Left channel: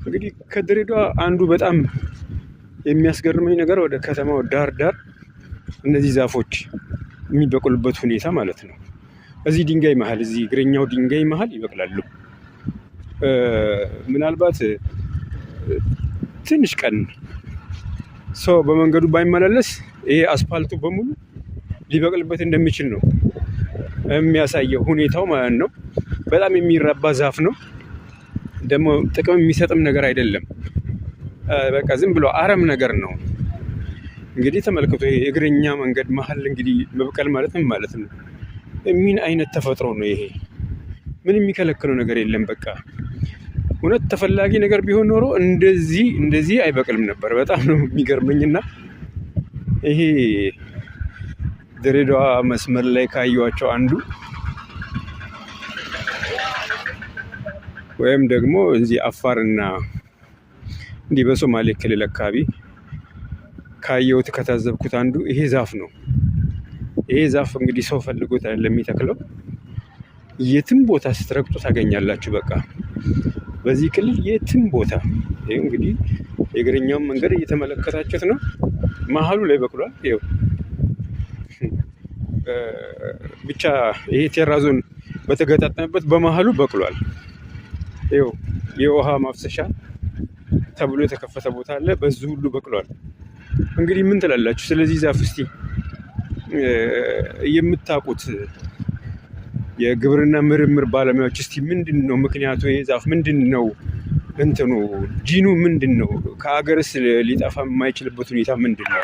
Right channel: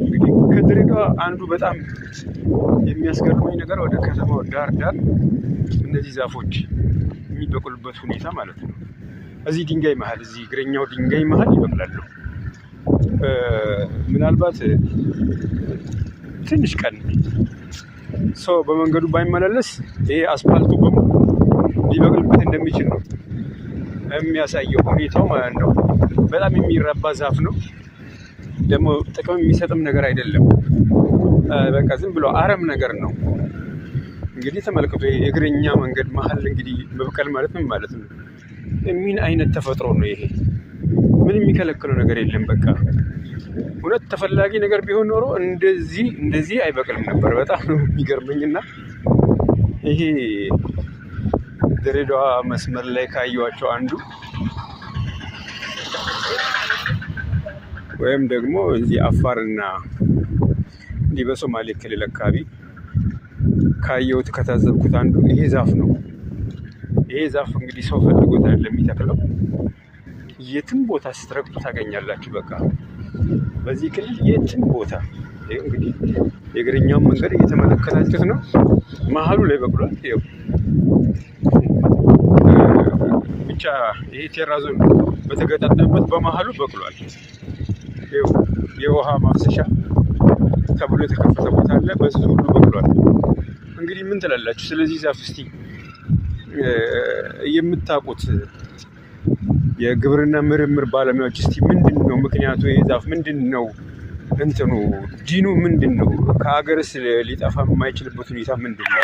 እንግዲህ ከድሬዳዋ አንዱ በጣም የሚያስገርመኝ ነገር ወደ ከተማው ዳር እነዚህ ዛፎች የሚበቅሉበት ሁኔታ ማለት ነው። እዚህ ድንጋይ መሀል እዚህ እግረኛው ድንጋይ መሀል ይበቅላሉ። ምናልባት ትንሽ ቀን ሰው በመንገዱ ባይመላለስ ይሄ አስፓልቱ በሙሉ ሊበቅልበት እንደሚችል ነው የሚያሳየው ሁኔታው ማለት ነው። በጣም የሚራባ ዛፍ ነው። ደግሞ ጥቅም የሚሰጥም ነገር አይደለም። በቃ ዝም ብሎ አረም ነገር ነው። እንግዲህ ተመልከቱ፣ የእግረኛ መንገድ መሀል እንግዲህ መብቀል ማለት ምን ማለት ነው? ምን አይነት ተፈጥሮ ነው ይሄ? ምንም የሚከለክለው ነገር የለም። በቃ እውነት ተፈላጊ ነገር ቢሆን ኖሮ እንደዚህ አይበቅልም ነበር። በጣም ነው የሚገርመኝና ይሄ ድሬዳዋ መስመር ላይ ካየኋቸው አንዱ ወይም ደግሞ እዚህ አፋርና እንዲህ በሶማሌ ክልል አካባቢ ካየሁት ከታዘብኩት አንዱ ይሄ ዛፍ ነው። ይሄ ዛፍ እንግዲህ ሰው ፈልጎት አይደለም የሚተክለው። የትም ቦታ ስትረግጡ ታገኛላችሁ። በቃ በዚህ ክልል የትም ቦታ ይኸው እንግዲህ የእግረኛውን መንገድ እየተመለከታችሁት ነው። መሀሉ ላይ በቅሏል። ይኸው ብቻ ይሄ ቴራዞን በተገጣጠመበት በመሀሉ በቅሏል። ይኸው የውሃ ማፍሰሻ ተብሎ የተከፈተ ቦታ አለ። በዚህ ሁሉ በቅሏል። እንግዲህ ምን ትላላችሁ ስለዚህ ዛፍ? እስቲ የምታውቁት የግብርና ምርምር ባለሙያዎች እስቲ ምንድን ነው ምክንያቱ? ይሄ ዛፍ ምንድን ነው እንትኑ ጂኑ ምንድን ነው? ከሀገርስ ሊጠፋ የማይችልበት ሁኔታ ምንድን ነው?